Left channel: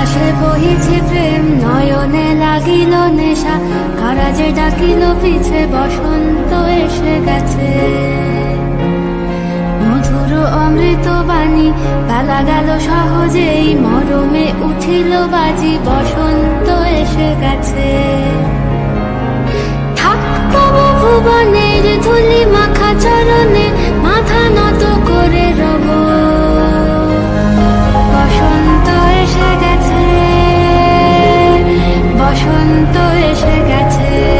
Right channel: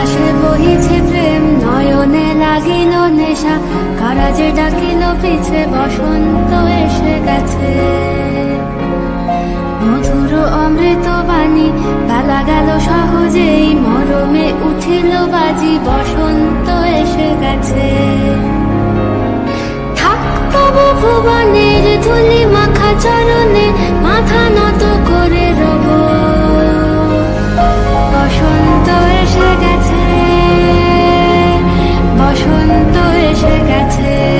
বহিছে প্রেম, নয়নে লাগিল নেশা, কারাজে ডাকিল পিছে, বসন্ত এসে গেছে। মধুর অমৃত বাণী, বেলা গেল সহজেই, মরমে উঠিল বাজি, বসন্ত এসে গেছে। থাক ভুবনের ধুলি মাখা চরণে, মাথা নত এসে গেছে।